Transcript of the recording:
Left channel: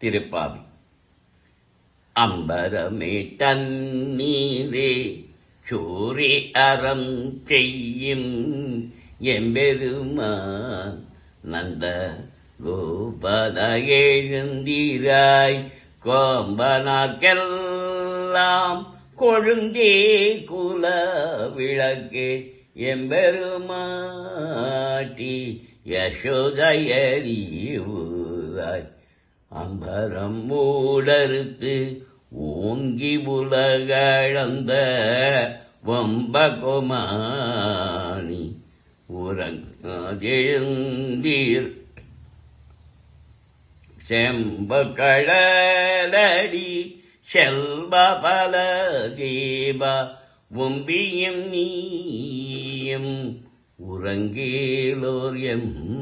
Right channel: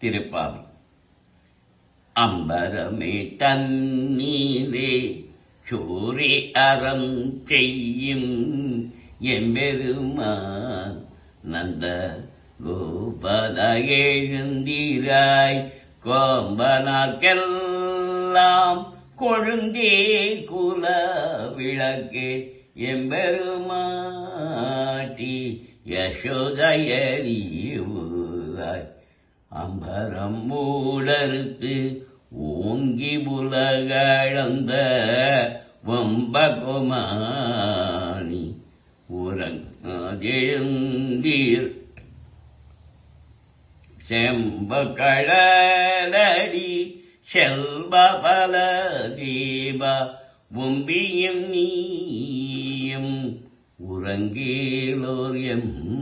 திருப்பாவி. அம்பரமே தண்ணீரே சூரி அறம் செய்யும் எம்பெருமான் நந்த கோபல எழுந்திராய் கோம்பனாக்கெல்லாம் கொழுந்தே குல விளக்கே எம்பெருமாட்டி யசோதயறிவுராய் அம்பரம் மூடறுத்து ஓங்கி உலகழந்த வம்பகுமானி உறங்கெழுந்தீர் செம்பகழலடி செல்வ பல தீப உம்பியும் நீயும் உறங்கேலோர் எம்பவாய்.